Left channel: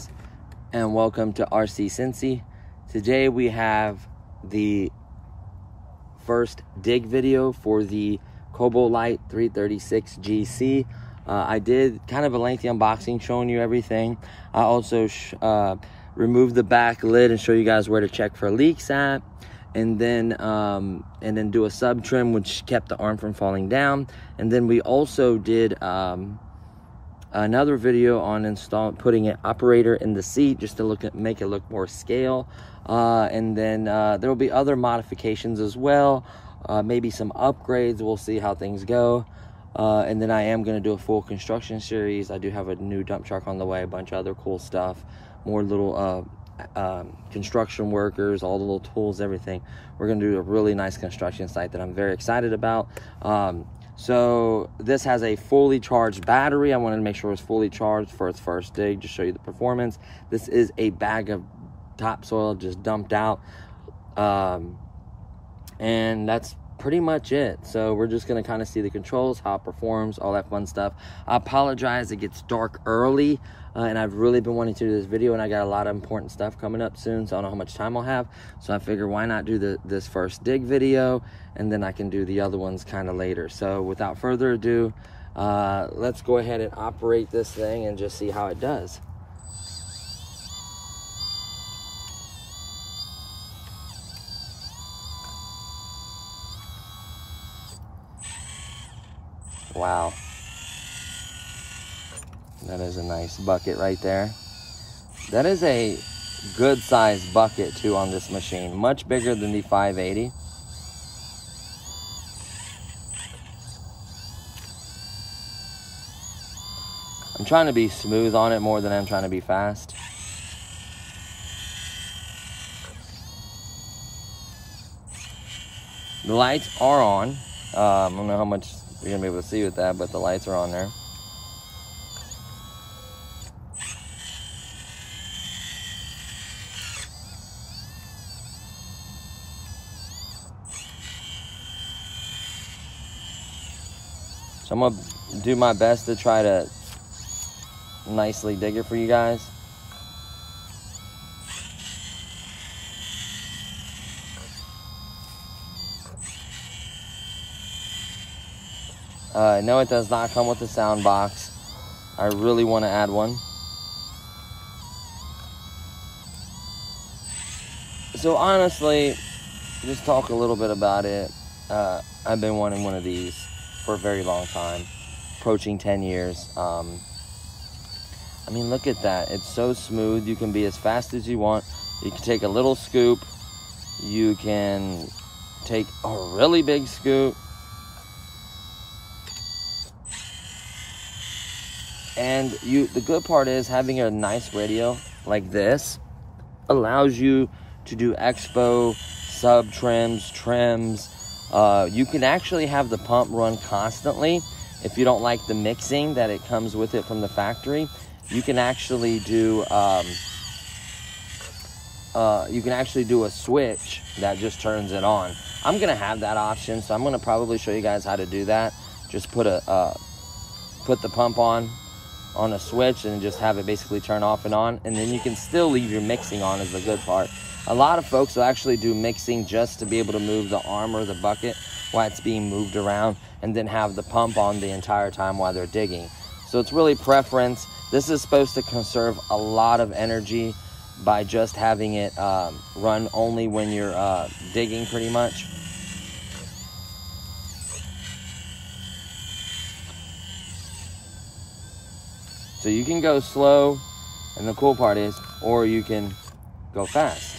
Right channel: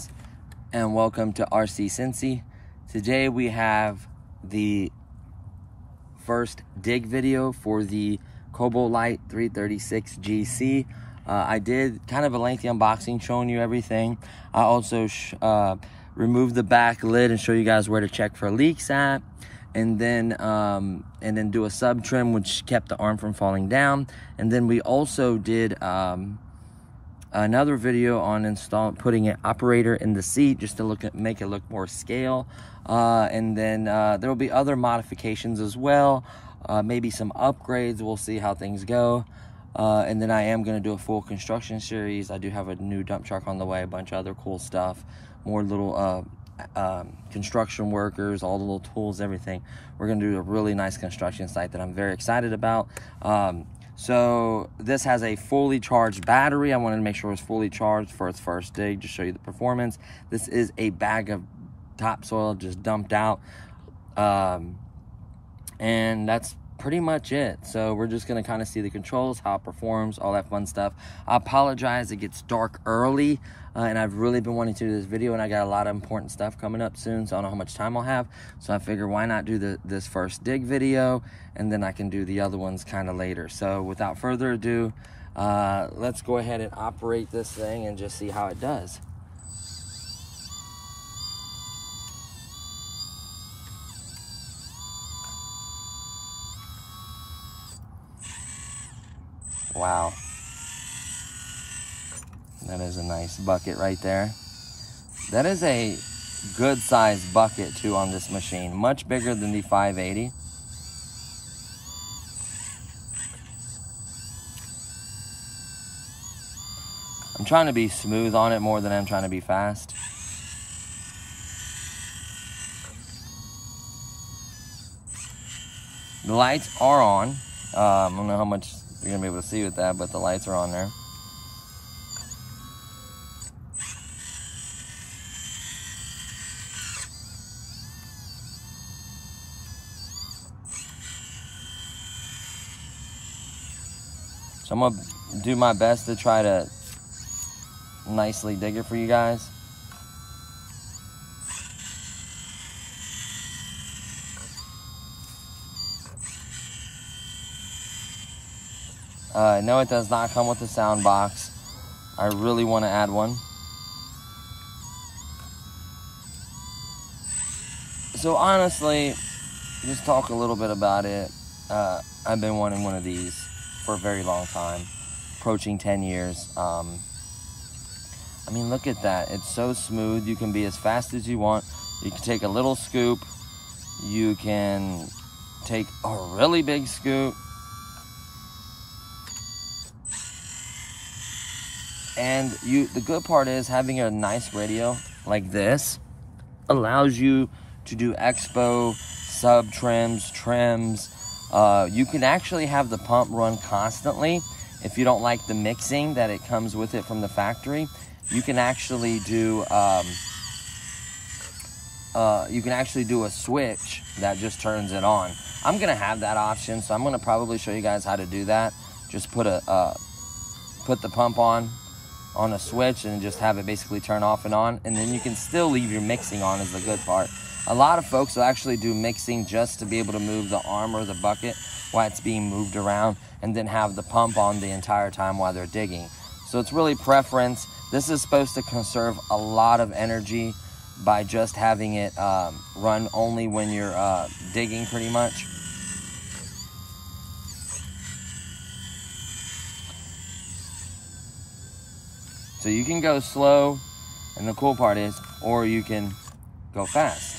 guys, and welcome to RC Cincy. Today we have the first dig video for the kabolite 336 GC. I did kind of a lengthy unboxing showing you everything. I also removed the back lid and show you guys where to check for leaks at, and then do a sub trim which kept the arm from falling down. And then we also did another video on putting an operator in the seat just to make it look more scale. And then there will be other modifications as well, maybe some upgrades. We'll see how things go. And then I am going to do a full construction series. I do have a new dump truck on the way, a bunch of other cool stuff, more little construction workers, all the little tools, everything. We're going to do a really nice construction site that I'm very excited about. So this has a fully charged battery. I wanted to make sure it was fully charged for its first dig, just show you the performance. This is a bag of topsoil just dumped out, and that's pretty much it. So we're just going to kind of see the controls, how it performs, all that fun stuff. I apologize, it gets dark early, and I've really been wanting to do this video, and I got a lot of important stuff coming up soon, so I don't know how much time I'll have. So I figure why not do this first dig video, and then I can do the other ones kind of later. So without further ado, let's go ahead and operate this thing and just see how it does. Wow, that is a nice bucket right there. That is a good sized bucket too on this machine, much bigger than the 580. I'm trying to be smooth on it more than I'm trying to be fast. The lights are on. I don't know how much you're gonna be able to see with that, but the lights are on there. So I'm gonna do my best to try to nicely dig it for you guys. No, it does not come with a sound box. I really want to add one. So honestly, just talk a little bit about it. I've been wanting one of these for a very long time, approaching 10 years. I mean, look at that. It's so smooth. You can be as fast as you want. You can take a little scoop. You can take a really big scoop. And the good part is having a nice radio like this allows you to do expo, sub trims, trims. You can actually have the pump run constantly. If you don't like the mixing that it comes with it from the factory, you can actually do a switch that just turns it on. I'm gonna have that option, so I'm gonna probably show you guys how to do that. Just put the pump on a switch and just have it basically turn off and on, and then you can still leave your mixing on is the good part. A lot of folks will actually do mixing just to be able to move the arm or the bucket while it's being moved around, and then have the pump on the entire time while they're digging. So it's really preference. This is supposed to conserve a lot of energy by just having it run only when you're digging pretty much. So you can go slow, and the cool part is, or you can go fast.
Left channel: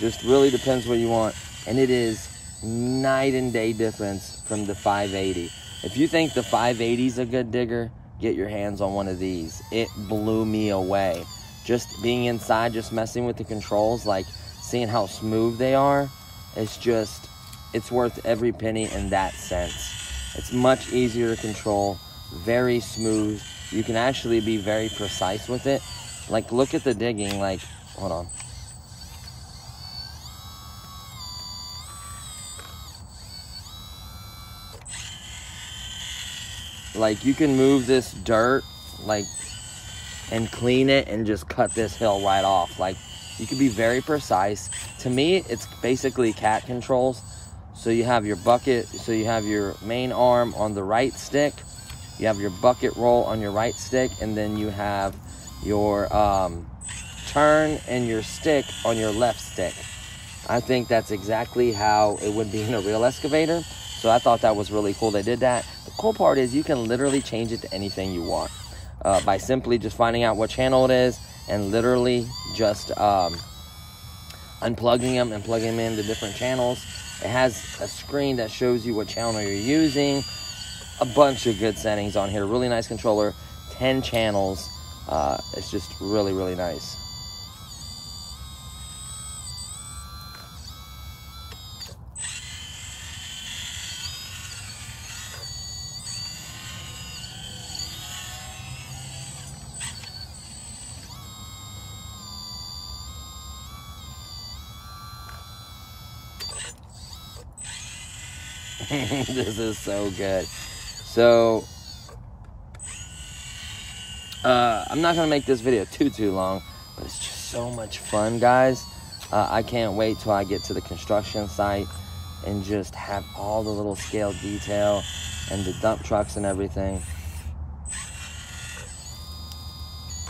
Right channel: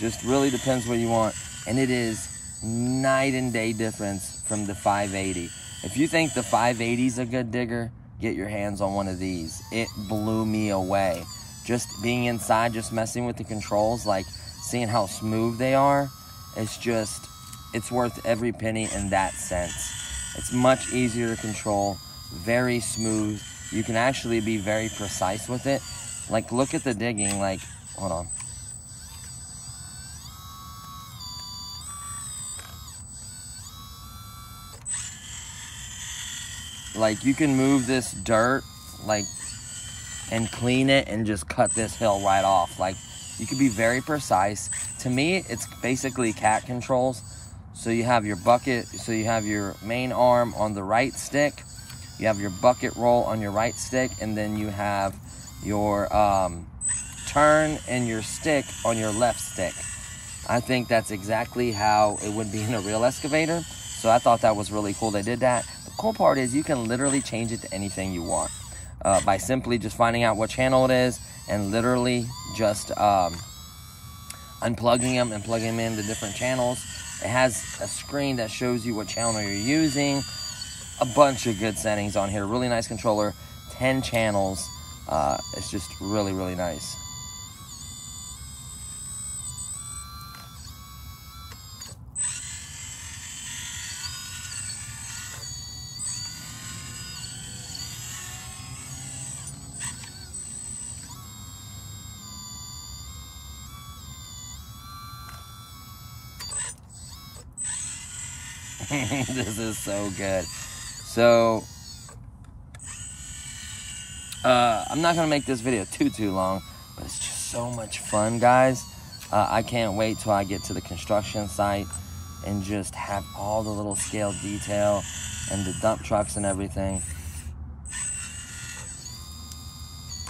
Just really depends what you want. And it is night and day difference from the 580. If you think the 580 is a good digger, get your hands on one of these. It blew me away. Just being inside, just messing with the controls, like seeing how smooth they are, it's worth every penny in that sense. It's much easier to control, very smooth. You can actually be very precise with it. Like, look at the digging, like, hold on. Like, you can move this dirt, like, and clean it and just cut this hill right off. Like, you can be very precise. To me, it's basically cat controls. So you have your bucket, so you have your main arm on the right stick, you have your bucket roll on your right stick, and then you have your turn and your stick on your left stick. I think that's exactly how it would be in a real excavator. So I thought that was really cool they did that. The cool part is you can literally change it to anything you want by simply just finding out what channel it is and literally just unplugging them and plugging them into different channels. It has a screen that shows you what channel you're using. A bunch of good settings on here. Really nice controller. 10 channels. It's just really, really nice. This is so good. So I'm not gonna make this video too long, but it's just so much fun, guys. I can't wait till I get to the construction site and just have all the little scale detail and the dump trucks and everything.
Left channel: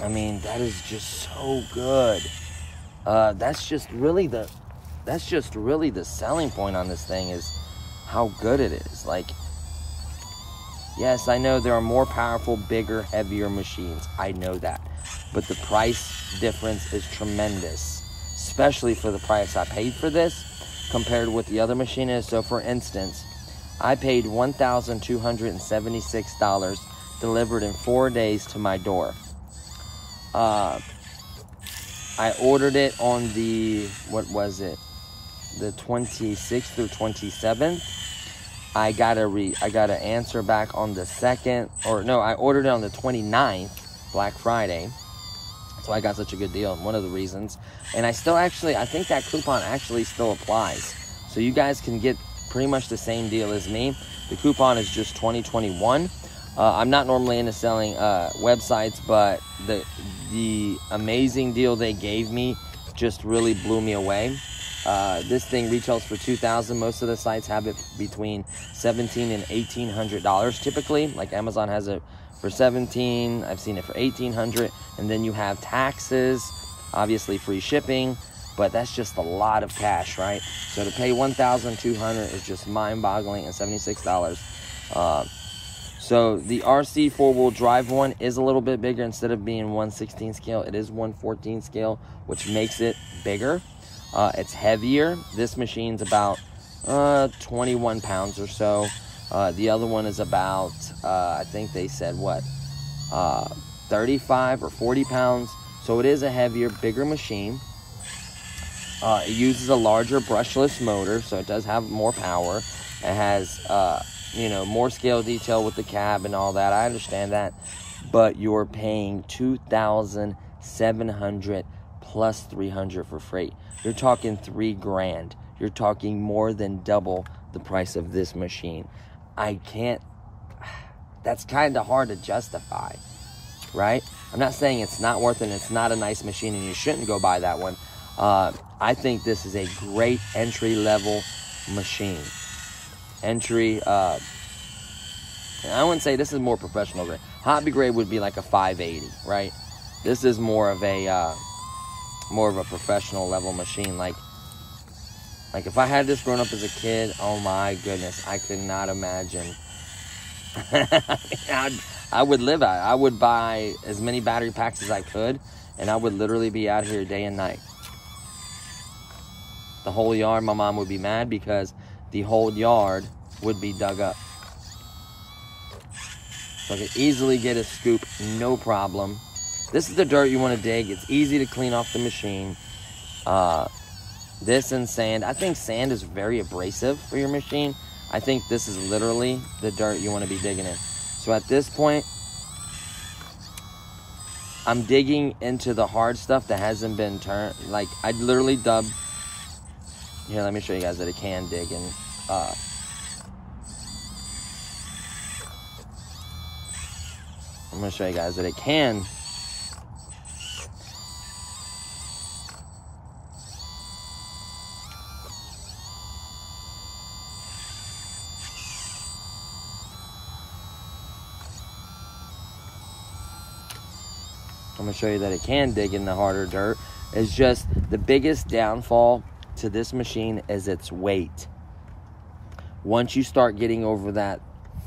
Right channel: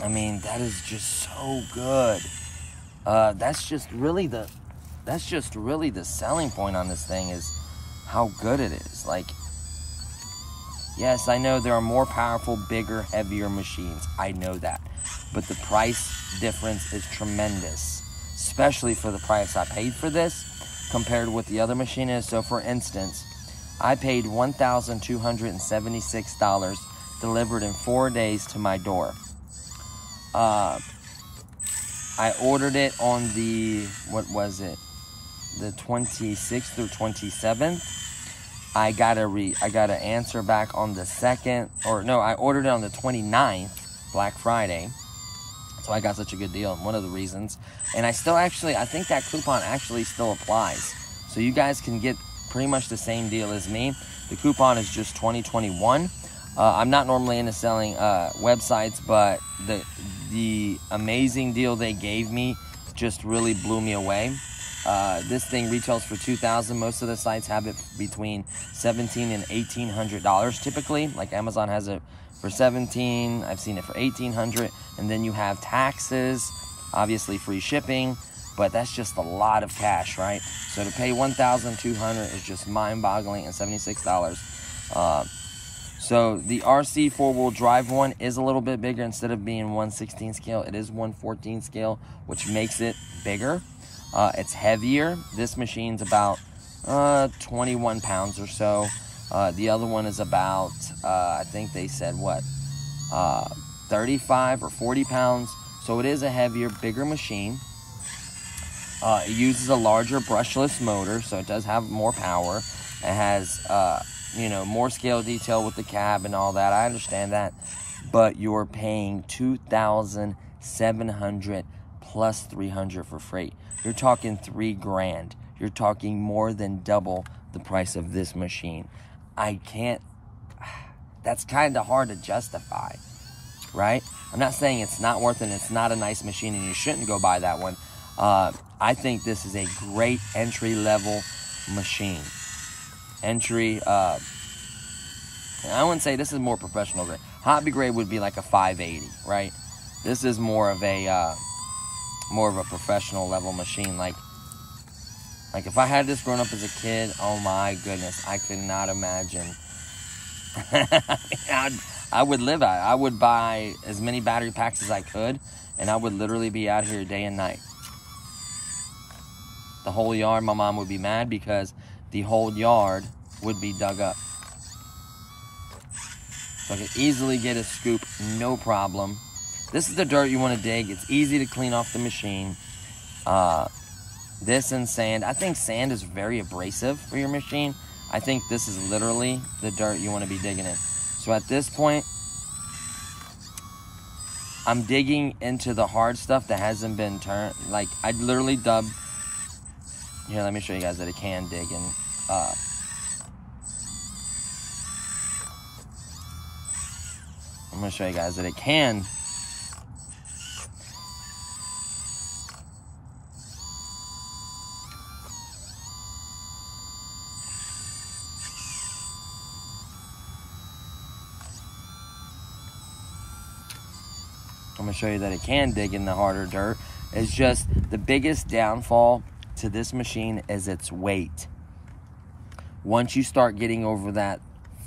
I mean, that is just so good. That's just really the selling point on this thing, is how good it is. Like, yes, I know there are more powerful, bigger, heavier machines. I know that. But the price difference is tremendous, especially for the price I paid for this compared with the other machine is. So, for instance, I paid $1,276 delivered in 4 days to my door. I ordered it on the, what was it? The 26th or 27th. I got an answer back on the 2nd, or no, I ordered it on the 29th, Black Friday. So I got such a good deal, one of the reasons. And I still actually, I think that coupon actually still applies. So you guys can get pretty much the same deal as me. The coupon is just 2021. I'm not normally into selling websites, but the amazing deal they gave me just really blew me away. This thing retails for $2,000. Most of the sites have it between $1,700 and $1,800 typically. Like Amazon has it for $1,700. I've seen it for $1,800. And then you have taxes, obviously free shipping, but that's just a lot of cash, right? So to pay $1,200 is just mind-boggling, and $76. So the RC four-wheel drive one is a little bit bigger. Instead of being 1/16 scale, it is 1/14 scale, which makes it bigger. It's heavier. This machine's about 21 pounds or so. The other one is about, I think they said, what, 35 or 40 pounds. So it is a heavier, bigger machine. It uses a larger brushless motor, so it does have more power. It has, you know, more scale detail with the cab and all that. I understand that. But you're paying $2,700 plus $300 for freight. You're talking $3 grand. You're talking more than double the price of this machine. I can't, that's kind of hard to justify, right? I'm not saying it's not worth it and it's not a nice machine and you shouldn't go buy that one. I think this is a great entry-level machine. Entry, I wouldn't say this is more professional. Hobby grade would be like a 580, right? This is more of a professional level machine. Like if I had this growing up as a kid, oh my goodness, I could not imagine. I would live out. I would buy as many battery packs as I could, and I would literally be out here day and night. The whole yard, my mom would be mad because the whole yard would be dug up. So I could easily get a scoop, no problem. This is the dirt you want to dig. It's easy to clean off the machine. This and sand. I think sand is very abrasive for your machine. I think this is literally the dirt you want to be digging in. So at this point, I'm digging into the hard stuff that hasn't been turned. Like, I literally dug. Here, let me show you guys that it can dig. And I'm going to show you guys that it can I'm going to show you that it can dig in the harder dirt. It's just the biggest downfall to this machine is its weight. Once you start getting over that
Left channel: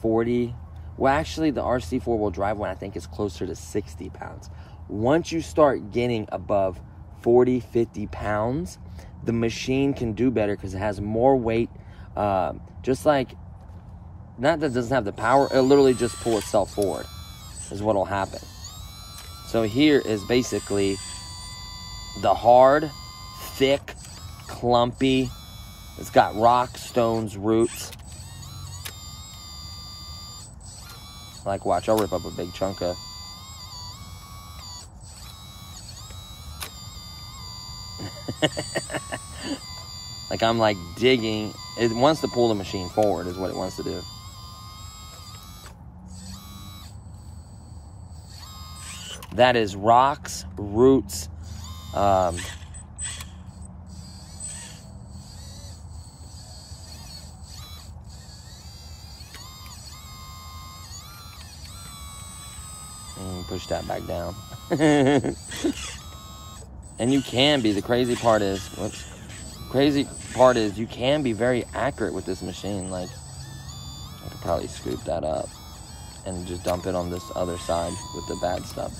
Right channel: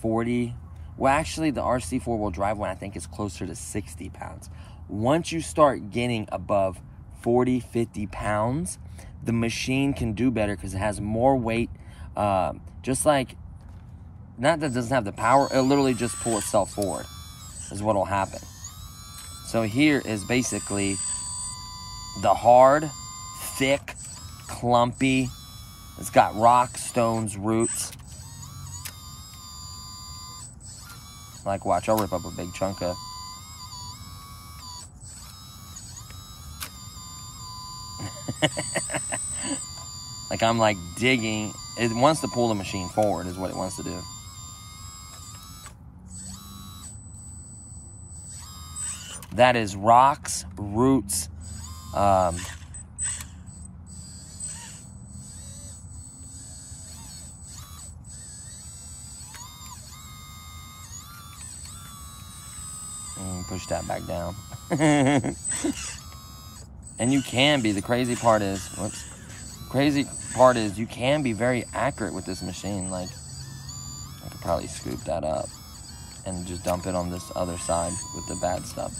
40, well, actually the RC four-wheel drive one I think is closer to 60 pounds. Once you start getting above 40, 50 pounds, the machine can do better because it has more weight. Just like, not that it doesn't have the power, it'll literally just pull itself forward is what will happen. So here is basically the hard, thick, clumpy, it's got rocks, stones, roots. Like, watch, I'll rip up a big chunk of. Like, I'm like digging. It wants to pull the machine forward is what it wants to do. That is rocks, roots, push that back down. And you can be, the crazy part is you can be very accurate with this machine. Like, I could probably scoop that up and just dump it on this other side with the bad stuff.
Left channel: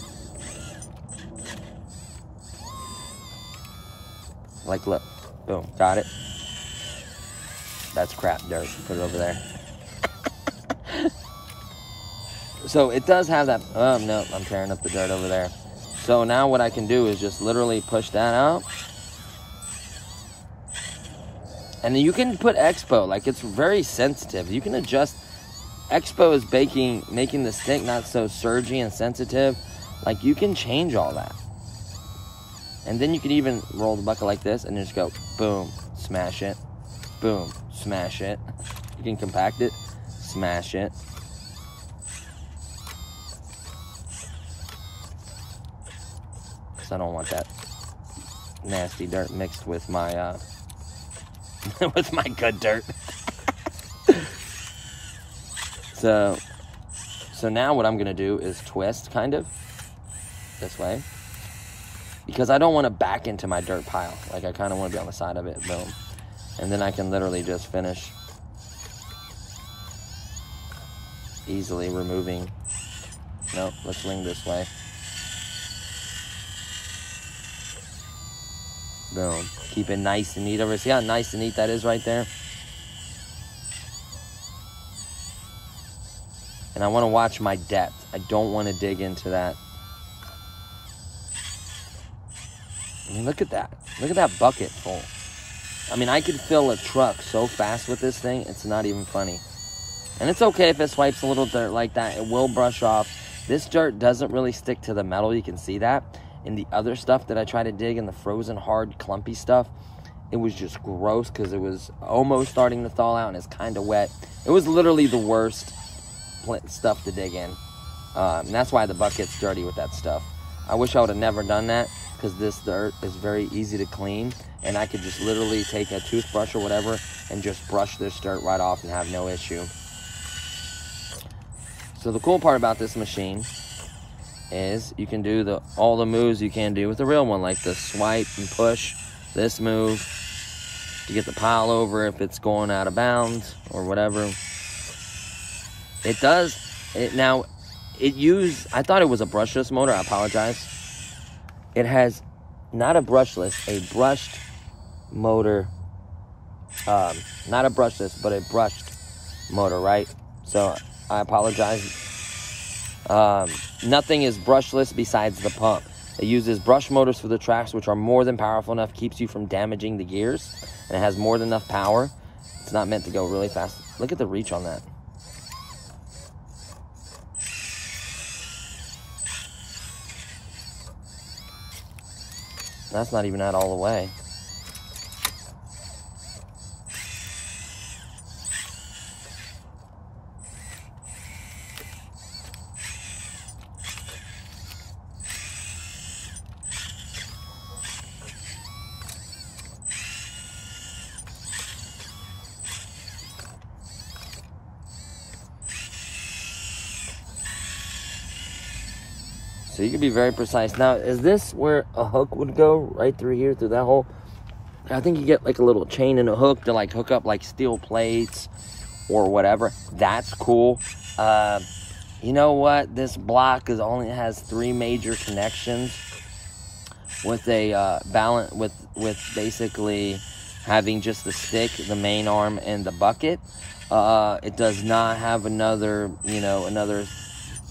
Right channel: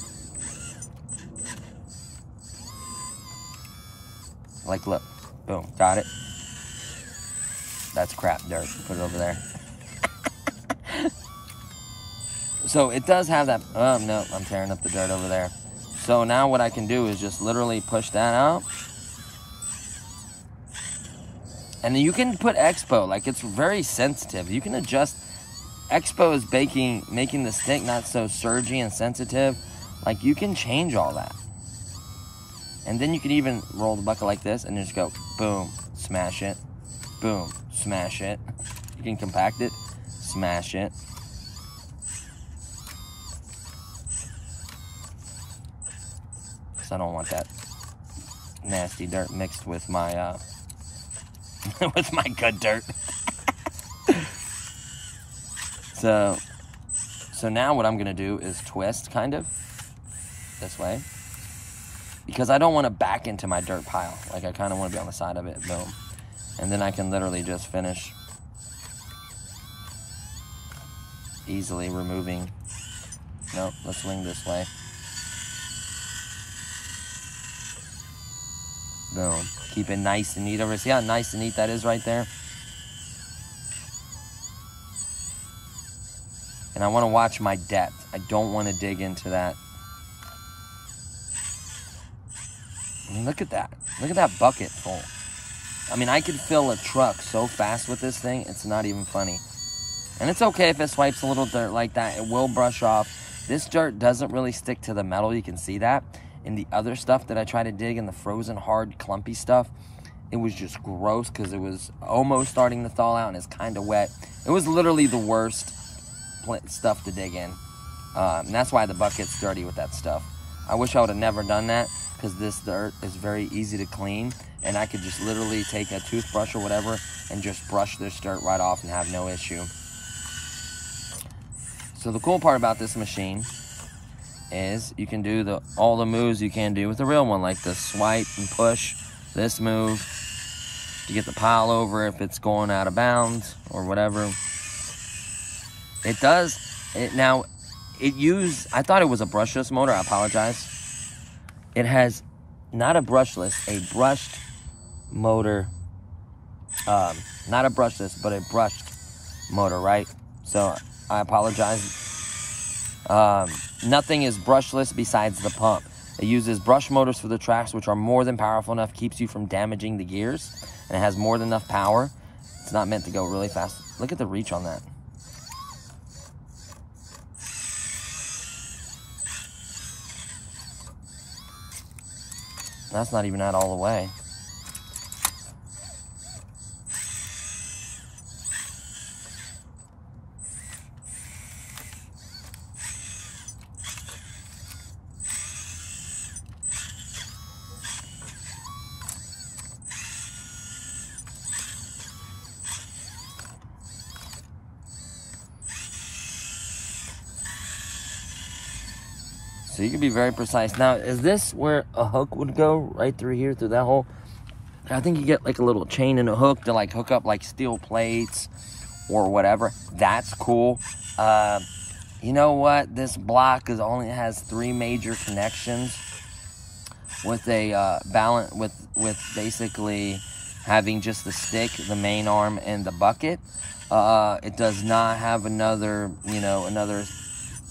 Like, look, boom, got it. That's crap dirt, put it over there. So it does have that, oh no, I'm tearing up the dirt over there. So now what I can do is just literally push that out. And then you can put Expo, like it's very sensitive. You can adjust, Expo is making the stick not so surgy and sensitive. Like you can change all that. And then you can even roll the bucket like this and just go, boom, smash it, boom, smash it. You can compact it, smash it. I don't want that nasty dirt mixed with my with my good dirt. So now what I'm gonna do is twist kind of this way because I don't want to back into my dirt pile. Like I kind of want to be on the side of it, boom, and then I can literally just finish easily removing. No, let's swing this way. Boom. Keep it nice and neat over. See how nice and neat that is right there? And I want to watch my depth. I don't want to dig into that. I mean, look at that. Look at that bucket full. I mean, I could fill a truck so fast with this thing, it's not even funny. And it's okay if it swipes a little dirt like that. It will brush off. This dirt doesn't really stick to the metal. You can see that. And the other stuff that I try to dig in the frozen, hard, clumpy stuff, it was just gross because it was almost starting to thaw out and it's kind of wet. It was literally the worst stuff to dig in. And that's why the bucket's dirty with that stuff. I wish I would have never done that because this dirt is very easy to clean. And I could just literally take a toothbrush or whatever and just brush this dirt right off and have no issue. So the cool part about this machine is you can do all the moves you can do with the real one, like the swipe and push, this move to get the pile over if it's going out of bounds or whatever. It does it now. I thought it was a brushless motor. I apologize. It has not a brushless, a brushed motor. Not a brushless, but a brushed motor, right? So I apologize. Nothing is brushless besides the pump. It uses brush motors for the tracks, which are more than powerful enough, keeps you from damaging the gears, and it has more than enough power. It's not meant to go really fast. Look at the reach on that. That's not even out all the way. So you can be very precise. Now, is this where a hook would go? Right through here, through that hole? I think you get like a little chain and a hook to like hook up like steel plates or whatever. That's cool. You know what? This block only has 3 major connections with a balance with basically having just the stick, the main arm, and the bucket. It does not have another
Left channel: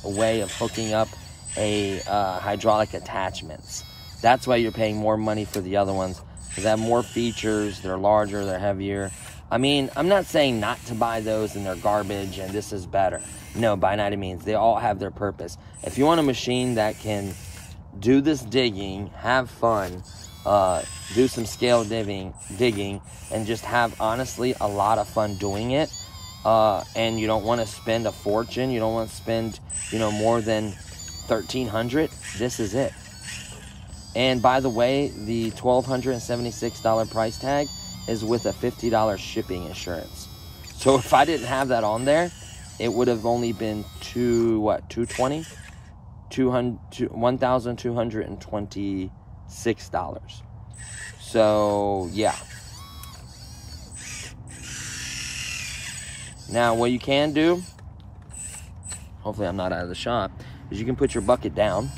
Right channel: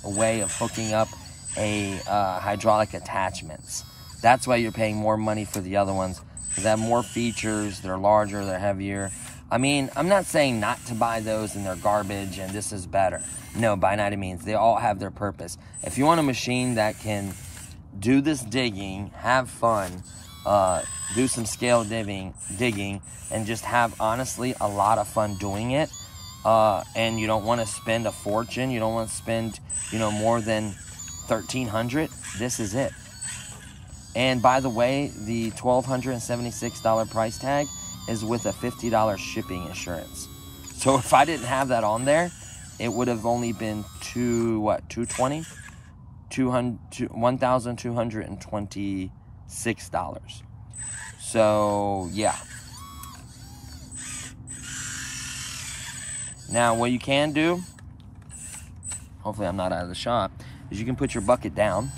way of hooking up a hydraulic attachments. That's why you're paying more money for the other ones, because they have more features. They're larger, they're heavier. I mean, I'm not saying not to buy those and they're garbage and this is better. No, by no means. They all have their purpose. If you want a machine that can do this digging, have fun, do some scale digging, and just have, honestly, a lot of fun doing it, and you don't want to spend a fortune, you don't want to spend, more than $1,300, this is it. And by the way, the $1,276 price tag is with a $50 shipping insurance. So if I didn't have that on there, it would have only been $1,226. So yeah. Now what you can do, hopefully I'm not out of the shop, is you can put your bucket down,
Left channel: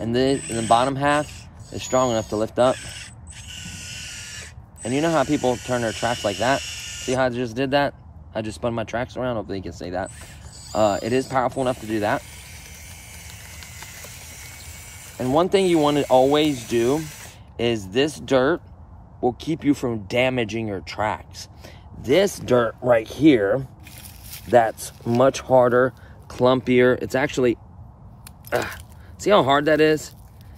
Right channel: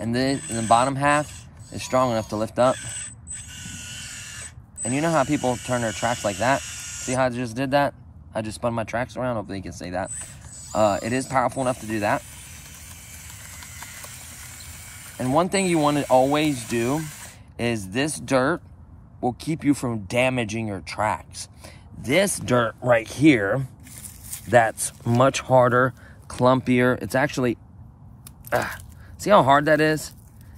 and then the bottom half is strong enough to lift up. And you know how people turn their tracks like that? See how I just did that? I just spun my tracks around. Hopefully you can see that. It is powerful enough to do that. And one thing you want to always do is this dirt will keep you from damaging your tracks. This dirt right here, that's much harder, clumpier. It's actually, see how hard that is?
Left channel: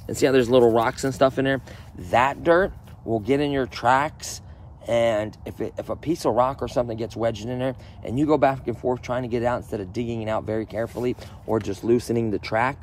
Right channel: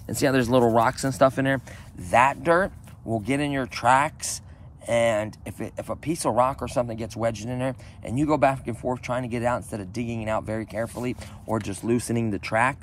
And see how there's little rocks and stuff in there? That dirt will get in your tracks, and if a piece of rock or something gets wedged in there, and you go back and forth trying to get it out instead of digging it out very carefully or just loosening the track,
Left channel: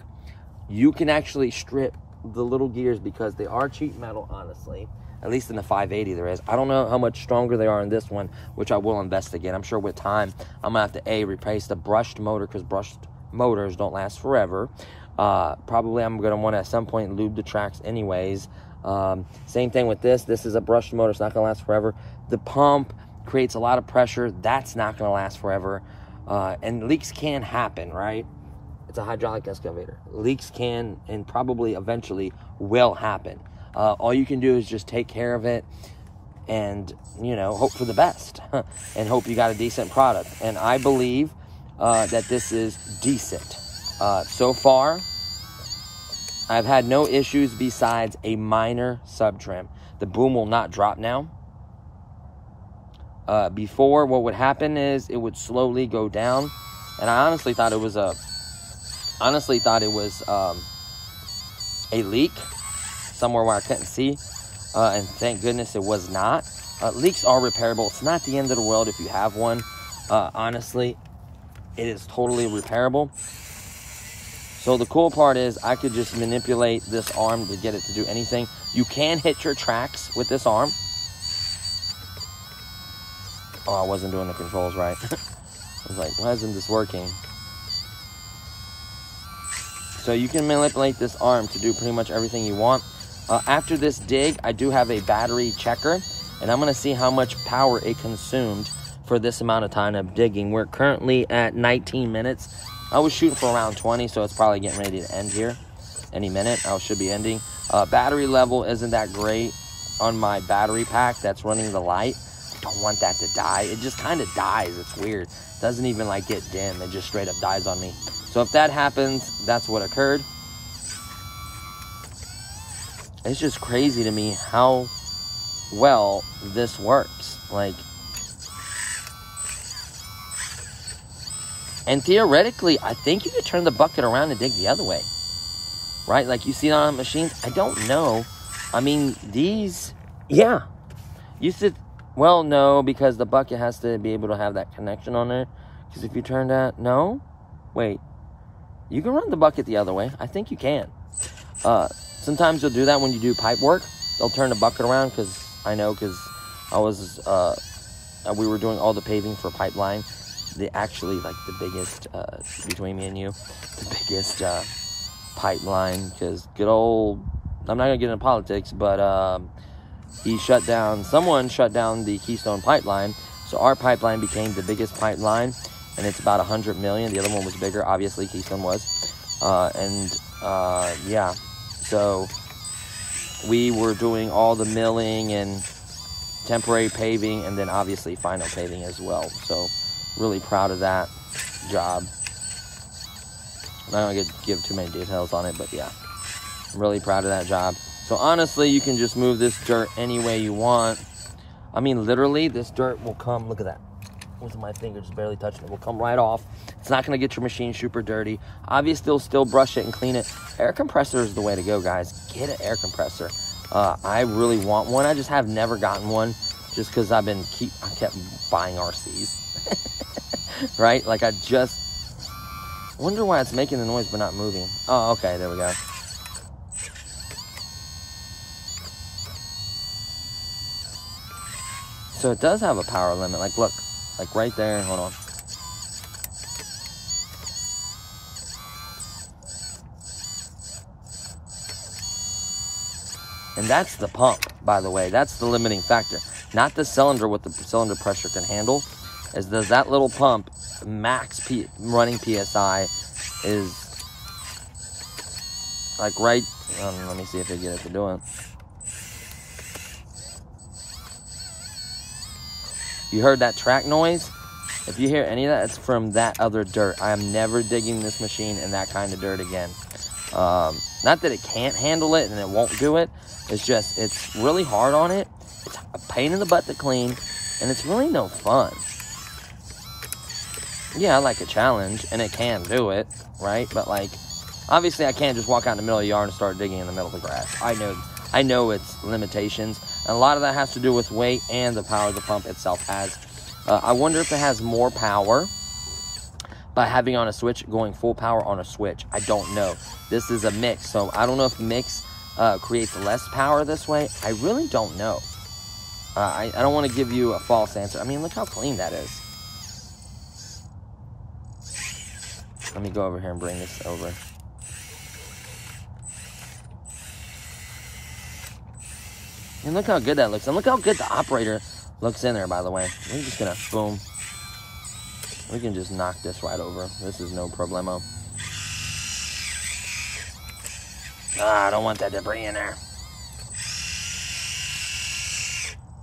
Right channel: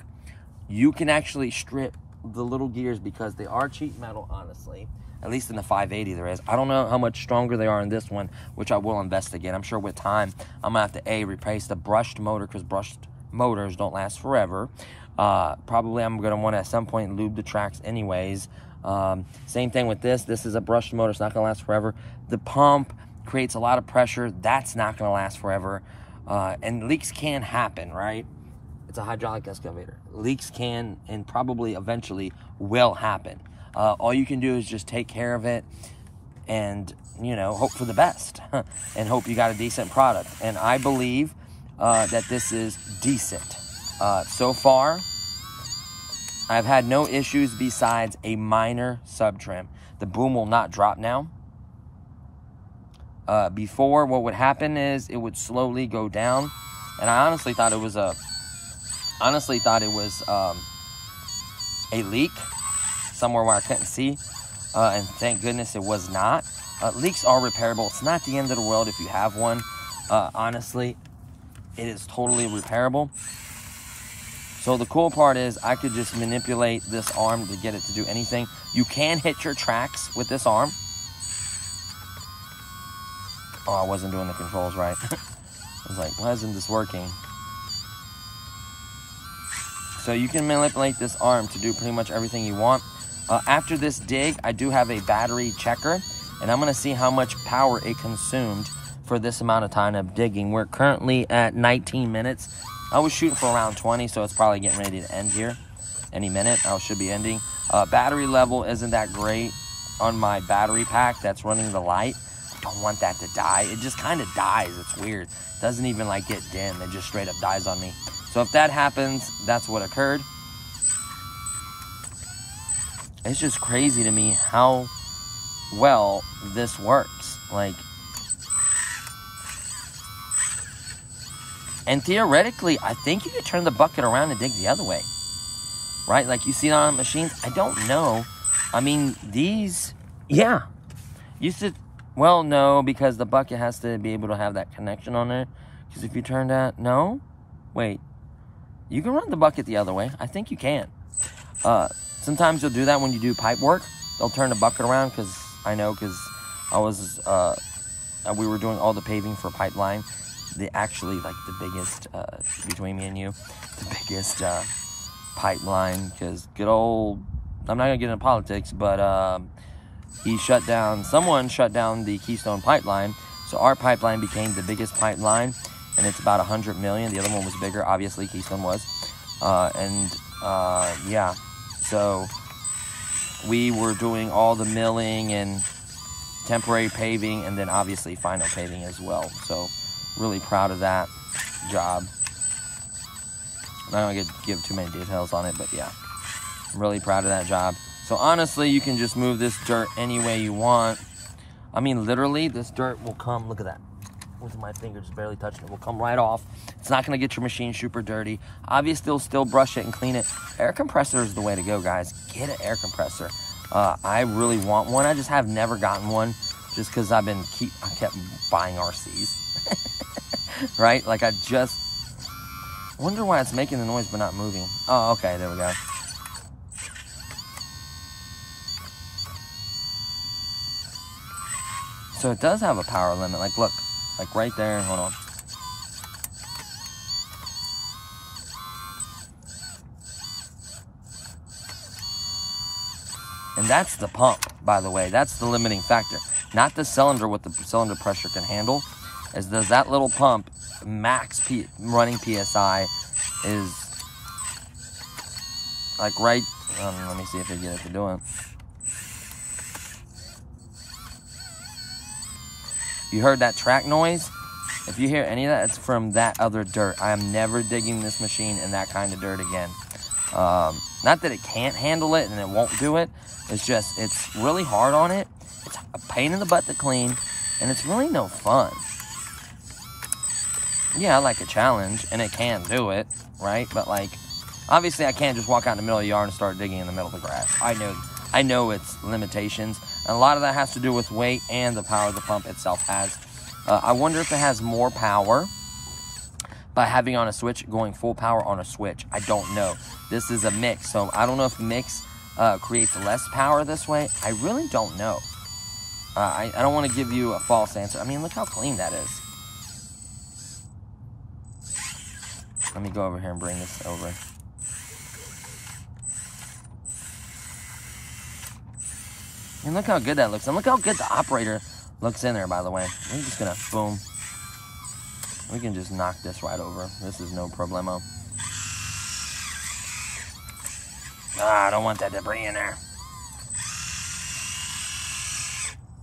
you can actually strip the little gears, because they are cheap metal, honestly. At least in the 580 there is. I don't know how much stronger they are in this one, which I will investigate. I'm sure with time, I'm gonna have to replace the brushed motor, because brushed motors don't last forever. Probably I'm gonna want to at some point lube the tracks anyways. Same thing with this. This is a brushed motor. It's not going to last forever. The pump creates a lot of pressure. That's not going to last forever. And leaks can happen, right? It's a hydraulic excavator. Leaks can and probably eventually will happen. All you can do is just take care of it and, hope for the best and hope you got a decent product. And I believe that this is decent. So far, I've had no issues besides a minor sub trim. The boom will not drop now. Before, what would happen is it would slowly go down, and I honestly thought it was a leak somewhere where I couldn't see, and thank goodness it was not. Leaks are repairable. It's not the end of the world if you have one. Honestly, it is totally repairable. So the cool part is I could just manipulate this arm to get it to do anything. You can hit your tracks with this arm. Oh, I wasn't doing the controls right. I was like, why isn't this working? So you can manipulate this arm to do pretty much everything you want. After this dig, I do have a battery checker, and I'm gonna see how much power it consumed for this amount of time of digging. We're currently at 19 minutes. I was shooting for around 20, so it's probably getting ready to end here any minute. I should be ending. Battery level isn't that great on my battery pack that's running the light. I don't want that to die. It just kind of dies. It's weird. It doesn't even like get dim. It just straight up dies on me. So if that happens, that's what occurred. It's just crazy to me how well this works. Like, and theoretically, I think you could turn the bucket around and dig the other way. Right? Like you see on the machines. I don't know. I mean, these, yeah. You should, well, no, because the bucket has to be able to have that connection on it. Because if you turn that, no? Wait. You can run the bucket the other way. I think you can. Sometimes you'll do that when you do pipe work. They'll turn the bucket around, because I know, because I was, we were doing all the paving for pipeline. Actually, like the biggest, between me and you, the biggest pipeline, because good old, I'm not gonna get into politics, but someone shut down the Keystone Pipeline, so our pipeline became the biggest pipeline, and it's about 100 million. The other one was bigger, obviously, Keystone was. Yeah, so we were doing all the milling and temporary paving, and then obviously final paving as well. So really proud of that job. I'm not gonna give too many details on it, but yeah, I'm really proud of that job. So honestly, you can just move this dirt any way you want. I mean, literally, this dirt will come, look at that. With my finger just barely touching it, will come right off. It's not gonna get your machine super dirty. Obviously, you'll still brush it and clean it. Air compressor is the way to go, guys. Get an air compressor. I really want one. I just have never gotten one, just because I kept buying RCs. Right? Like, I just wonder why it's making the noise but not moving. Oh, okay, there we go. So it does have a power limit. Like, look, like right there. Hold on. And that's the pump, by the way. That's the limiting factor. Not the cylinder, what the cylinder pressure can handle. Is that little pump, max running PSI is like right, let me see if I get it to do it. You heard that track noise? If you hear any of that, it's from that other dirt. I am never digging this machine in that kind of dirt again. Not that it can't handle it and it won't do it. It's just, it's really hard on it. It's a pain in the butt to clean, and it's really no fun. Yeah, I like a challenge, and it can do it, right? But like, obviously I can't just walk out in the middle of the yard and start digging in the middle of the grass. I know its limitations, and a lot of that has to do with weight and the power the pump itself has. I wonder if it has more power by having on a switch, going full power on a switch. I don't know. This is a mix, so I don't know if the mix creates less power this way. I really don't know. I don't want to give you a false answer. I mean, look how clean that is. Let me go over here and bring this over. And look how good that looks. And look how good the operator looks in there, by the way. We're just gonna, boom. We can just knock this right over. This is no problemo. I don't want that debris in there.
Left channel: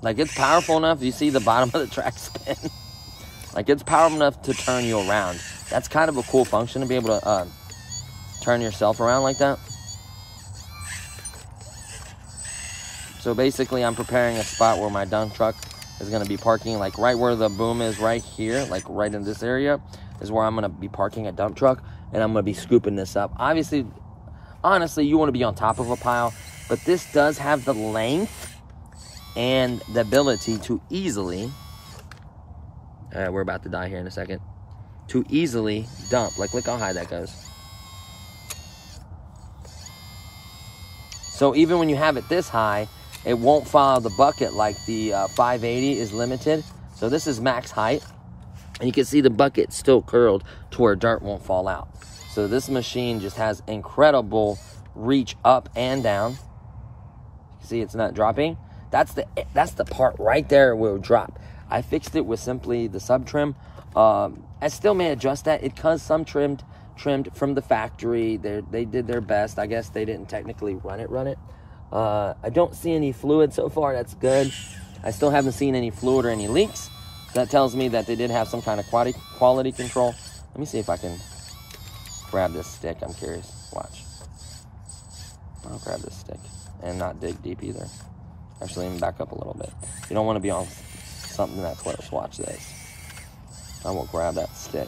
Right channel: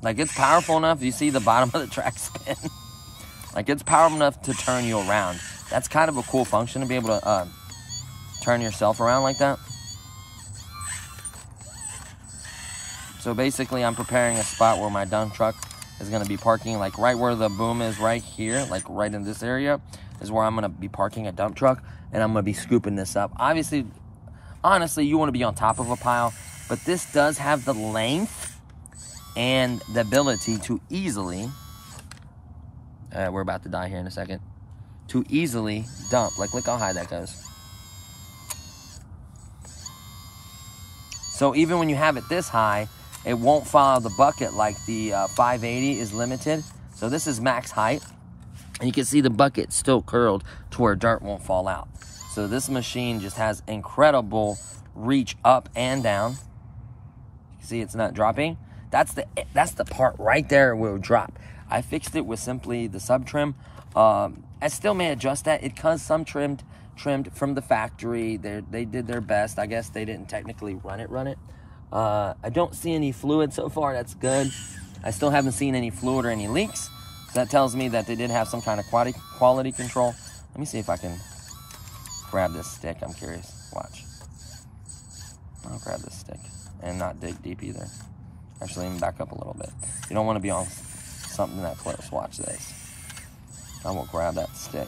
Like, it's powerful enough. You see the bottom of the track spin? Like, it's powerful enough to turn you around. That's kind of a cool function, to be able to turn yourself around like that. So basically, I'm preparing a spot where my dump truck is going to be parking, like right where the boom is right here, like right in this area, is where I'm going to be parking a dump truck, and I'm going to be scooping this up. Obviously, honestly, you want to be on top of a pile, but this does have the length and the ability to easily, we're about to die here in a second, to easily dump. Like, look how high that goes. So even when you have it this high, it won't follow the bucket like the 580 is limited. So this is max height. And you can see the bucket still curled to where dirt won't fall out. So this machine just has incredible reach up and down. See, it's not dropping. That's the part right there where it will drop. I fixed it with simply the sub trim. I still may adjust that. It comes some trimmed from the factory. They did their best. I guess they didn't technically run it. I don't see any fluid so far. That's good. I still haven't seen any fluid or any leaks. So that tells me that they did have some kind of quality control. Let me see if I can grab this stick. I'm curious. Watch. I'll grab this stick and not dig deep either. Actually, let me back up a little bit. You don't want to be on something that close. Watch this. I will grab that stick.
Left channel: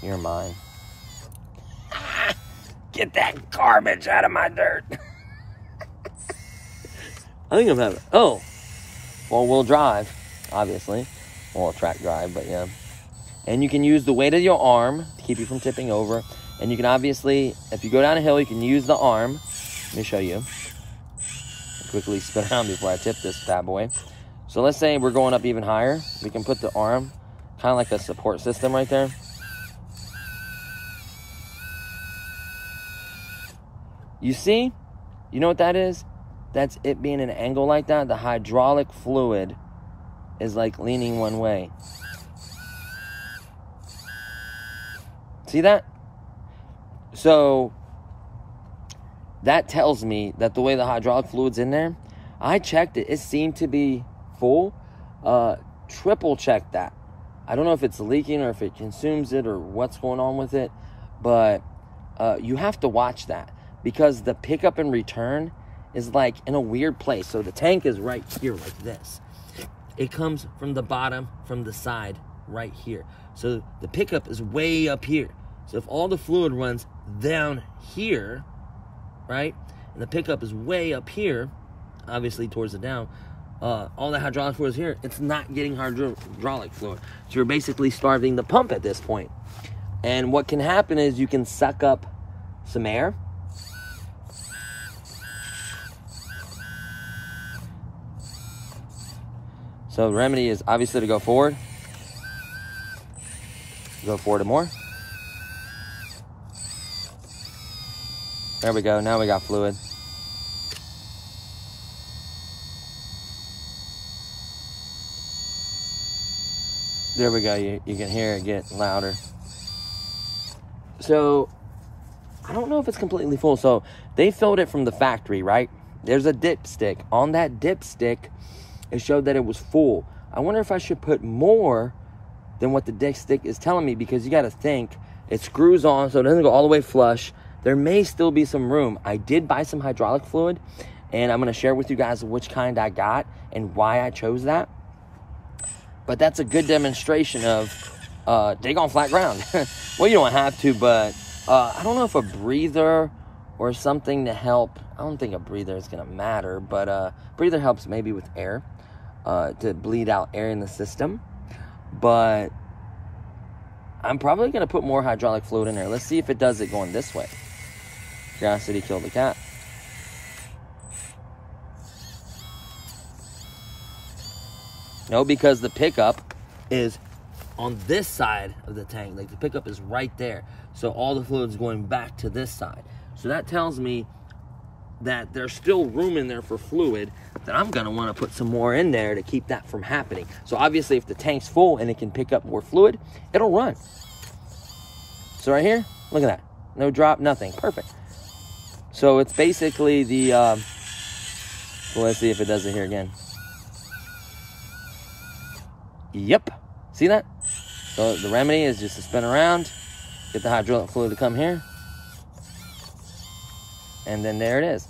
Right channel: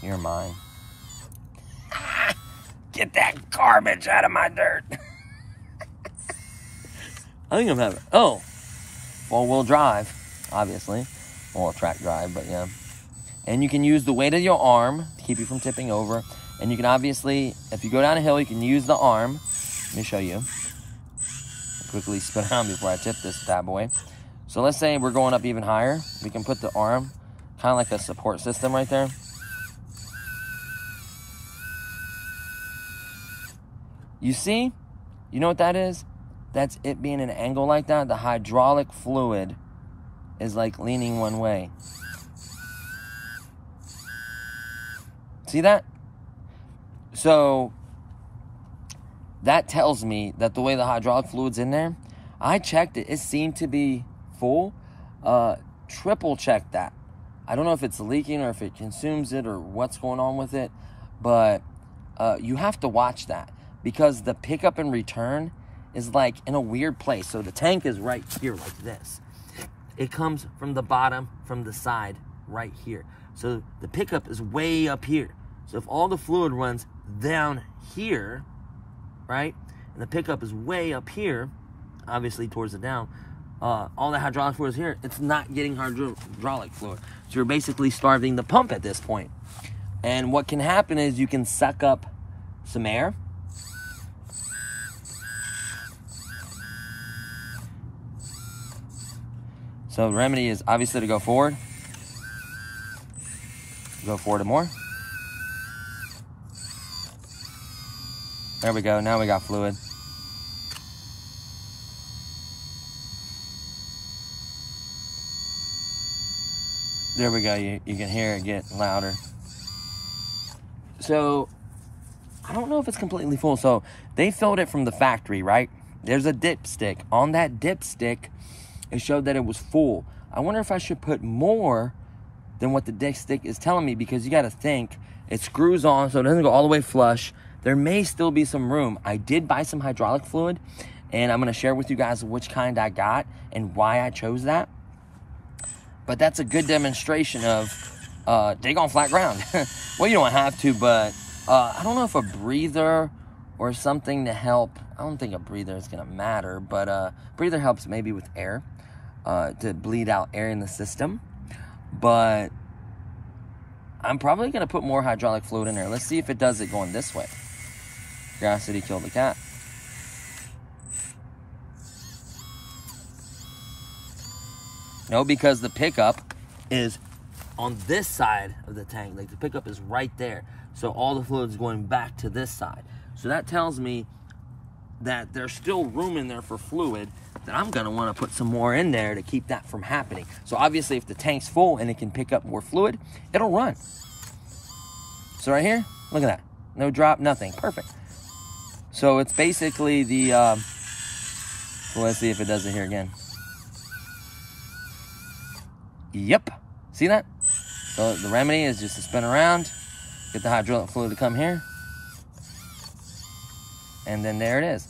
You're mine. Get that garbage out of my dirt. I think I'm having, oh, four-wheel drive, obviously. Or track drive, but yeah. And you can use the weight of your arm to keep you from tipping over. And you can obviously, if you go down a hill, you can use the arm. Let me show you. quickly spin around before I tip this bad boy. So let's say we're going up even higher. We can put the arm, kind of like a support system right there. You see? You know what that is? That's it being an angle like that. The hydraulic fluid is like leaning one way. See that? So that tells me that the way the hydraulic fluid's in there, I checked it. It seemed to be full. Triple check that. I don't know if it's leaking or if it consumes it or what's going on with it, but you have to watch that because the pickup and return is like in a weird place. So the tank is right here like this. It comes from the bottom, from the side, right here. So the pickup is way up here. So if all the fluid runs down here, right, and the pickup is way up here, obviously towards the down, all the hydraulic fluid is here, it's not getting hydraulic fluid. So you're basically starving the pump at this point. And what can happen is you can suck up some air. So the remedy is obviously to go forward. Go forward more. There we go, now we got fluid. There we go, you can hear it get louder. So, I don't know if it's completely full. So, they filled it from the factory, right? There's a dipstick. On that dipstick, it showed that it was full. I wonder if I should put more than what the dipstick is telling me, because you gotta think, it screws on so it doesn't go all the way flush. There may still be some room. I did buy some hydraulic fluid, and I'm gonna share with you guys which kind I got and why I chose that. But that's a good demonstration of dig on flat ground. Well, you don't have to, but I don't know if a breather or something to help. I don't think a breather is gonna matter, but breather helps maybe with air, to bleed out air in the system. But I'm probably gonna put more hydraulic fluid in there. Let's see if it does it going this way. Curiosity killed the cat. No, because the pickup is on this side of the tank. Like the pickup is right there. So all the fluid is going back to this side. So that tells me that there's still room in there for fluid, that I'm gonna wanna put some more in there to keep that from happening. So obviously if the tank's full and it can pick up more fluid, it'll run. So right here, look at that. No drop, nothing, perfect. So it's basically the, well, let's see if it does it here again. Yep, see that? So the remedy is just to spin around, get the hydraulic fluid to come here, and then there it is.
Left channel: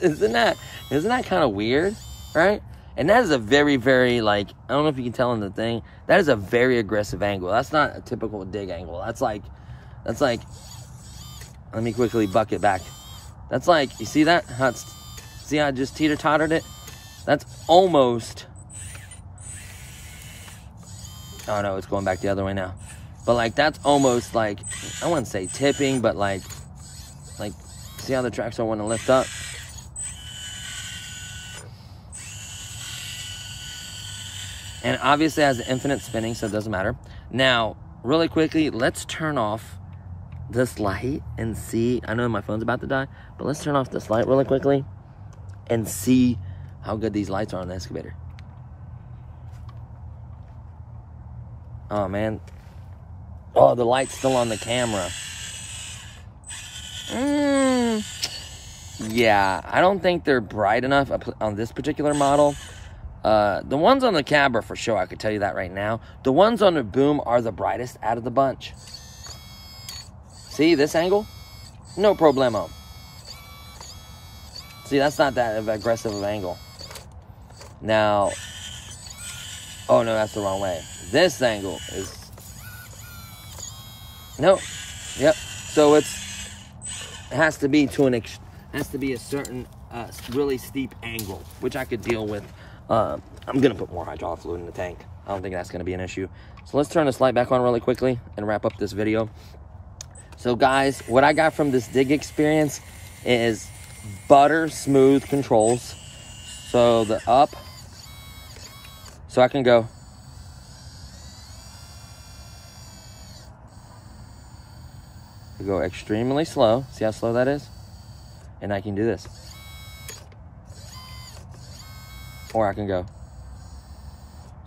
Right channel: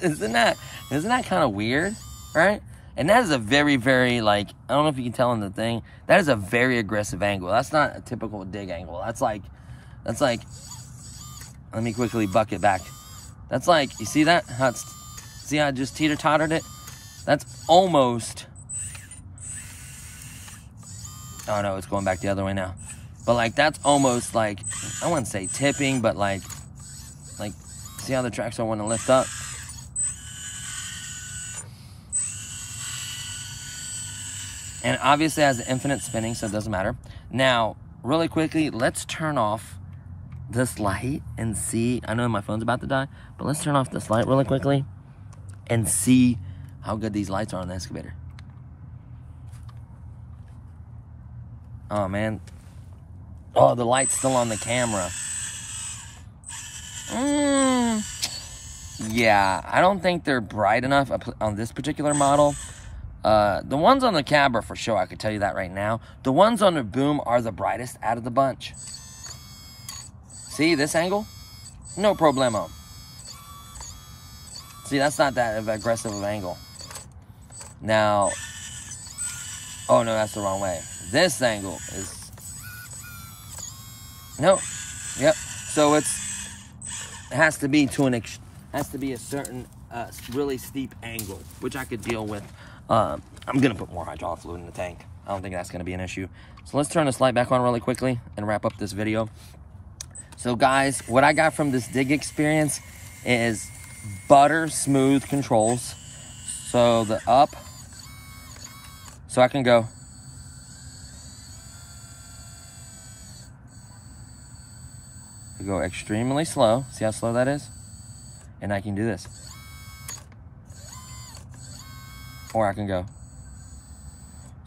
Isn't that kind of weird, right? And that is a very, very, like, I don't know if you can tell in the thing, that is a very aggressive angle. That's not a typical dig angle. That's like, let me quickly buck it back. That's like, you see that? See how I just teeter-tottered it? That's almost, oh no, it's going back the other way now. But like, that's almost like, I wouldn't say tipping, but like, see how the tracks don't want to lift up? And obviously it has the infinite spinning, so it doesn't matter. Now, really quickly, let's turn off this light and see. I know my phone's about to die, but let's turn off this light really quickly and see how good these lights are on the excavator. Oh, man. Oh, the light's still on the camera. Yeah, I don't think they're bright enough on this particular model. The ones on the cab are for sure, I could tell you that right now. The ones on the boom are the brightest out of the bunch. See this angle? No problemo. See, that's not that aggressive of an angle. Now, oh no, that's the wrong way. This angle is, no, yep. So it has to be has to be a certain really steep angle, which I could deal with. I'm gonna put more hydraulic fluid in the tank. I don't think that's gonna be an issue. So let's turn this light back on really quickly and wrap up this video. So guys, what I got from this dig experience is butter smooth controls. So the up, so I can go. You go extremely slow. See how slow that is? And I can do this. Or I can go.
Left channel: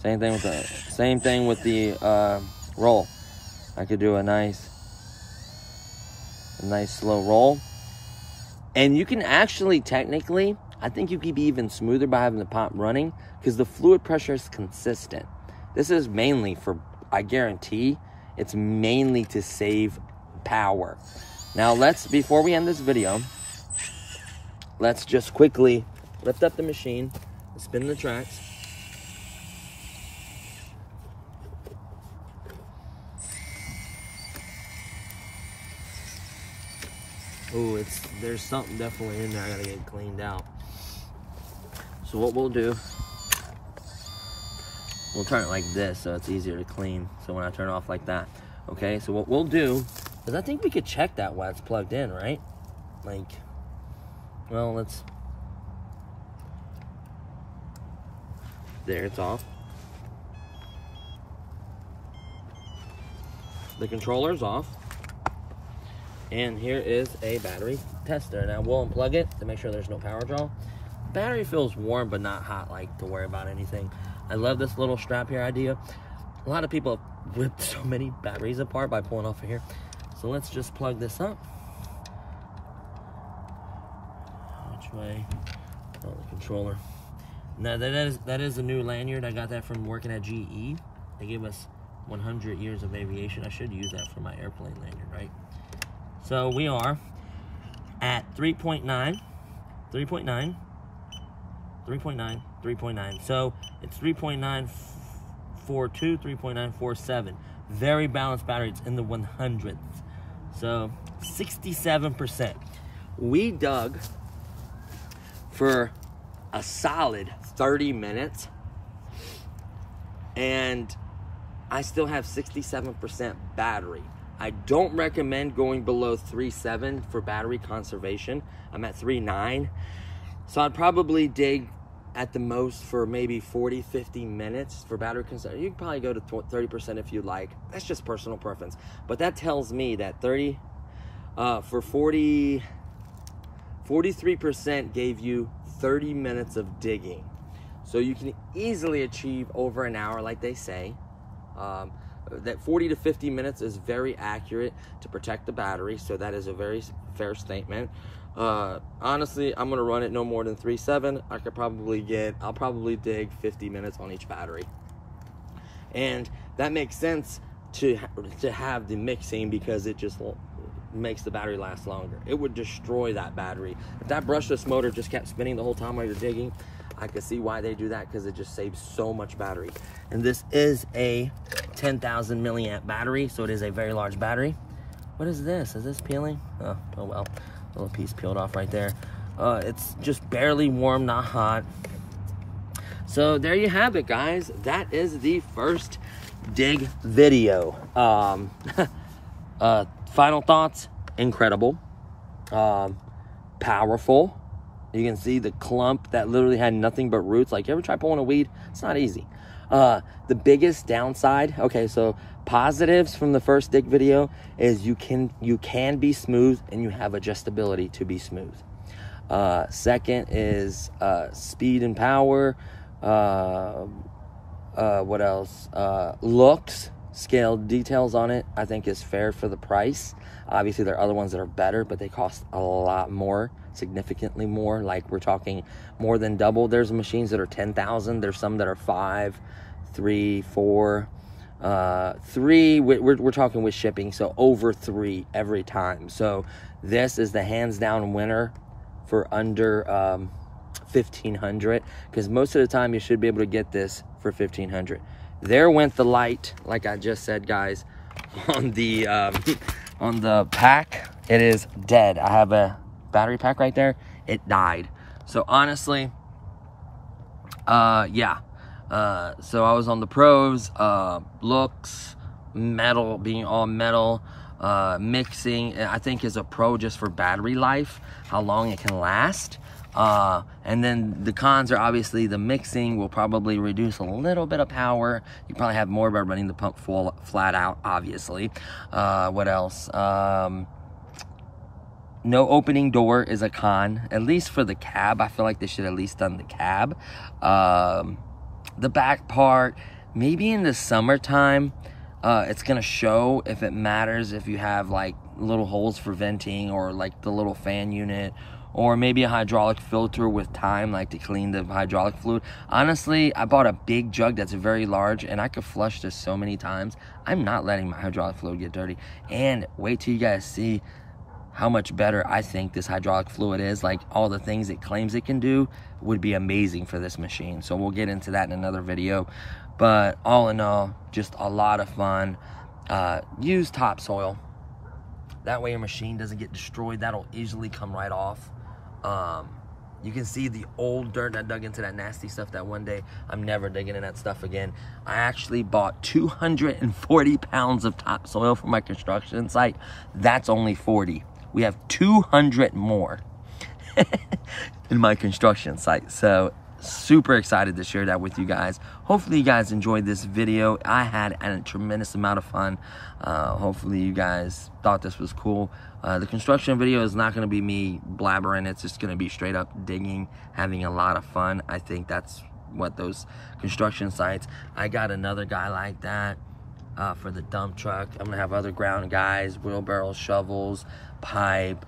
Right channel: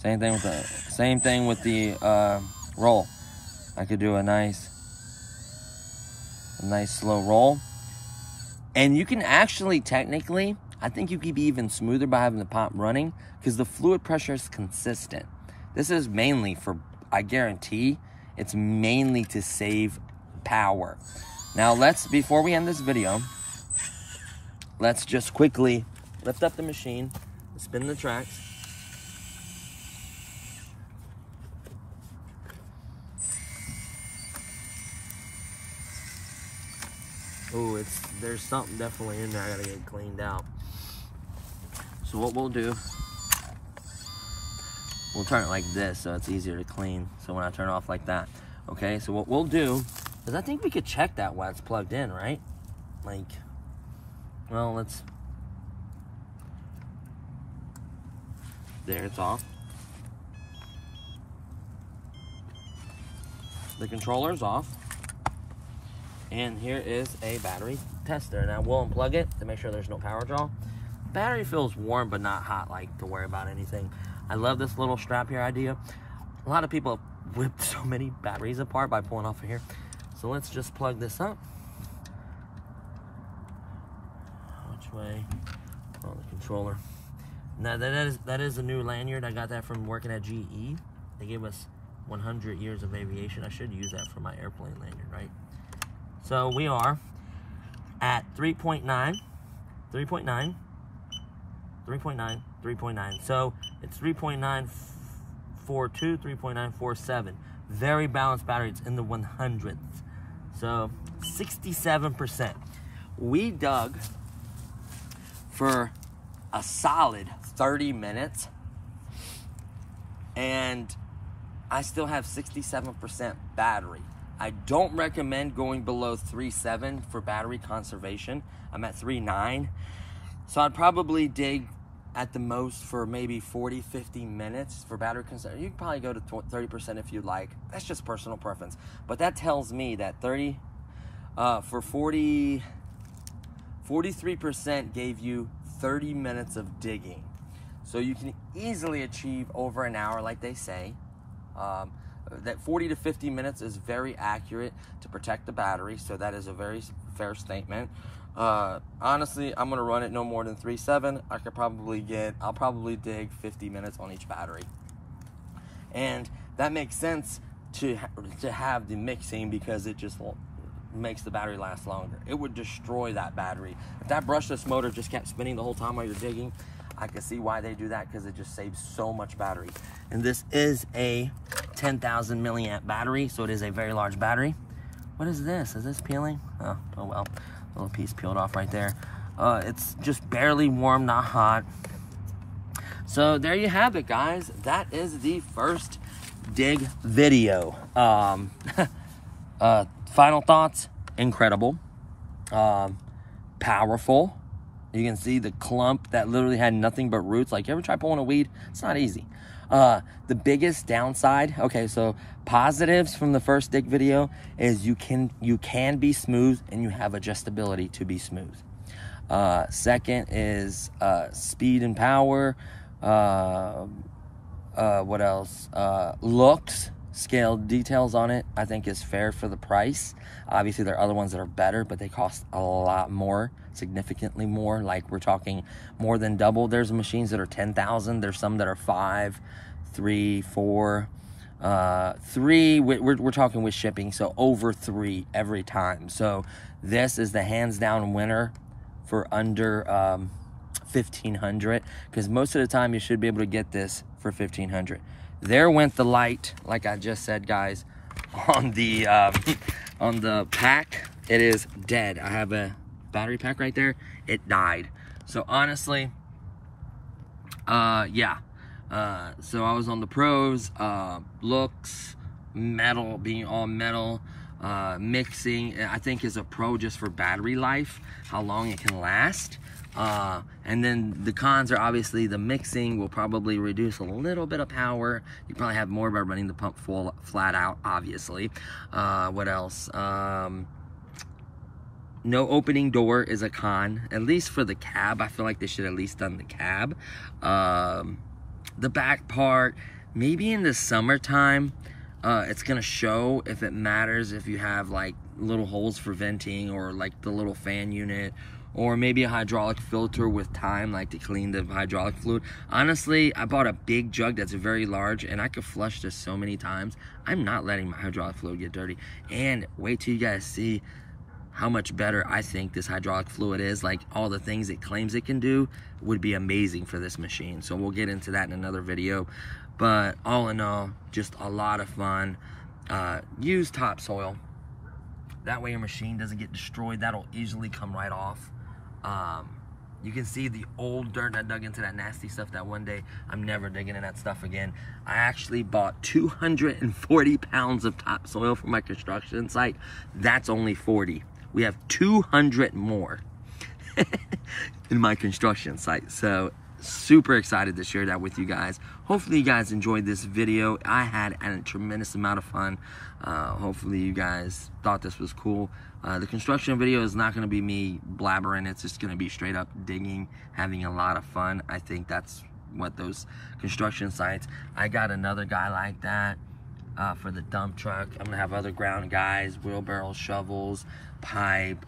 Same thing with the roll. I could do a nice slow roll. And you can actually, technically, I think you could be even smoother by having the pump running because the fluid pressure is consistent. This is mainly for, I guarantee, it's mainly to save power. Now before we end this video, let's just quickly lift up the machine, spin the tracks. Oh, there's something definitely in there I gotta get cleaned out. So what we'll do, we'll turn it like this so it's easier to clean. So when I turn it off like that, okay? So what we'll do, because I think we could check that while it's plugged in, right? Like, well, there, it's off. The controller's off. And here is a battery tester. Now we'll unplug it to make sure there's no power draw. Battery feels warm but not hot, like to worry about anything. I love this little strap here idea. A lot of people have whipped so many batteries apart by pulling off of here. So let's just plug this up. Which way? Oh, the controller. Now that is a new lanyard. I got that from working at GE. They gave us 100 years of aviation. I should use that for my airplane lanyard, right? So we are at 3.9. So it's 3.942, 3.947. Very balanced battery. It's in the 100ths. So 67%. We dug for a solid 30 minutes and I still have 67% battery. I don't recommend going below 3.7 for battery conservation. I'm at 3.9. So I'd probably dig at the most for maybe 40, 50 minutes for battery conservation. You can probably go to 30% if you like. That's just personal preference. But that tells me that 43% gave you 30 minutes of digging. So you can easily achieve over an hour, like they say. That 40 to 50 minutes is very accurate to protect the battery, so that is a very fair statement. Honestly, I'm gonna run it no more than 3.7. I'll probably dig 50 minutes on each battery. And that makes sense to have the mixing because it just makes the battery last longer. It would destroy that battery. If that brushless motor just kept spinning the whole time while you're digging, I could see why they do that because it just saves so much battery. And this is a 10,000 milliamp battery, so it is a very large battery. What is this? Is this peeling? Oh well, a little piece peeled off right there. It's just barely warm, not hot. So there you have it, guys. That is the first dig video. Final thoughts, incredible. Powerful. You can see the clump that literally had nothing but roots. Like, you ever try pulling a weed? It's not easy. The biggest downside, okay, so positives from the first dig video is you can be smooth and you have adjustability to be smooth. Second is speed and power. What else? Looks, scaled details on it, I think is fair for the price. Obviously, there are other ones that are better, but they cost a lot more, significantly more. Like, we're talking more than double. There's machines that are 10,000. There's some that are 5, 3, 4, 3. We're talking with shipping, so over 3 every time. So this is the hands down winner for under 1,500, because most of the time you should be able to get this for 1,500. There went the light, like I just said, guys, on the pack. It is dead. I have a battery pack right there. It died. So honestly, yeah. So I was on the pros, looks, metal, being all metal, Mixing, I think, is a pro just for battery life, how long it can last. And then the cons are obviously the mixing will probably reduce a little bit of power. You probably have more by running the pump full flat out, obviously. What else? No opening door is a con, at least for the cab. I feel like they should at least done the cab. The back part, maybe in the summertime, it's gonna show if it matters if you have like little holes for venting, or like the little fan unit, or maybe a hydraulic filter with time, like to clean the hydraulic fluid. Honestly, I bought a big jug that's very large, and I could flush this so many times. I'm not letting my hydraulic fluid get dirty. And wait till you guys see how much better I think this hydraulic fluid is. Like, all the things it claims it can do would be amazing for this machine. So we'll get into that in another video. But all in all, just a lot of fun. Use topsoil. That way your machine doesn't get destroyed. That'll easily come right off. You can see the old dirt I dug into that nasty stuff that one day. I'm never digging in that stuff again. I actually bought 240 pounds of topsoil for my construction site. That's only 40. We have 200 more in my construction site. So super excited to share that with you guys. Hopefully you guys enjoyed this video. I had a tremendous amount of fun. Hopefully you guys thought this was cool. The construction video is not going to be me blabbering. It's just going to be straight up digging, having a lot of fun. I think that's what those construction sites. I got another guy like that for the dump truck. I'm going to have other ground guys, wheelbarrows, shovels, pipe,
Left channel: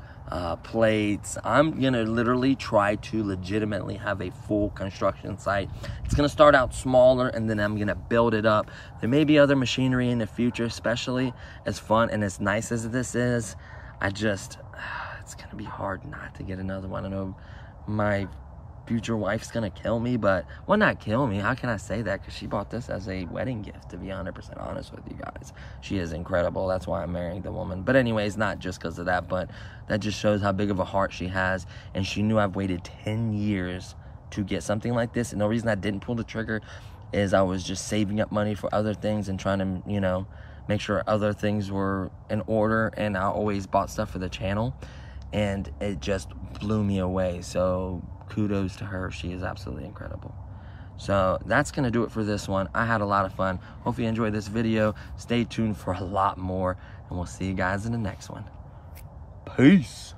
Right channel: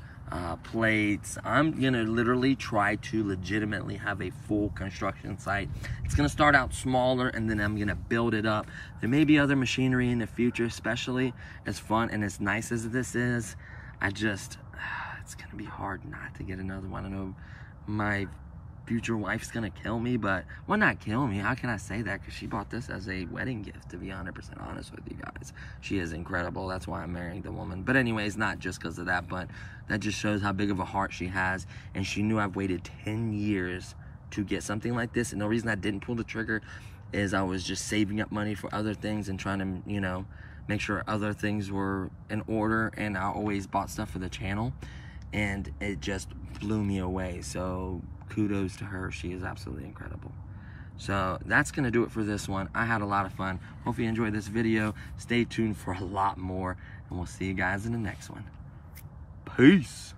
plates. I'm gonna literally try to legitimately have a full construction site. It's gonna start out smaller, and then I'm gonna build it up. There may be other machinery in the future, especially as fun and as nice as this is. It's gonna be hard not to get another one. I know my future wife's gonna kill me, but, well, not kill me, how can I say that, because she bought this as a wedding gift, to be 100% honest with you guys. She is incredible. That's why I'm marrying the woman. But anyways, not just because of that, but that just shows how big of a heart she has. And she knew I've waited 10 years to get something like this, and the reason I didn't pull the trigger is I was just saving up money for other things and trying to, you know, make sure other things were in order. And I always bought stuff for the channel, and it just blew me away. So kudos to her. She is absolutely incredible. So that's going to do it for this one. I had a lot of fun. Hope you enjoyed this video. Stay tuned for a lot more, and we'll see you guys in the next one. Peace.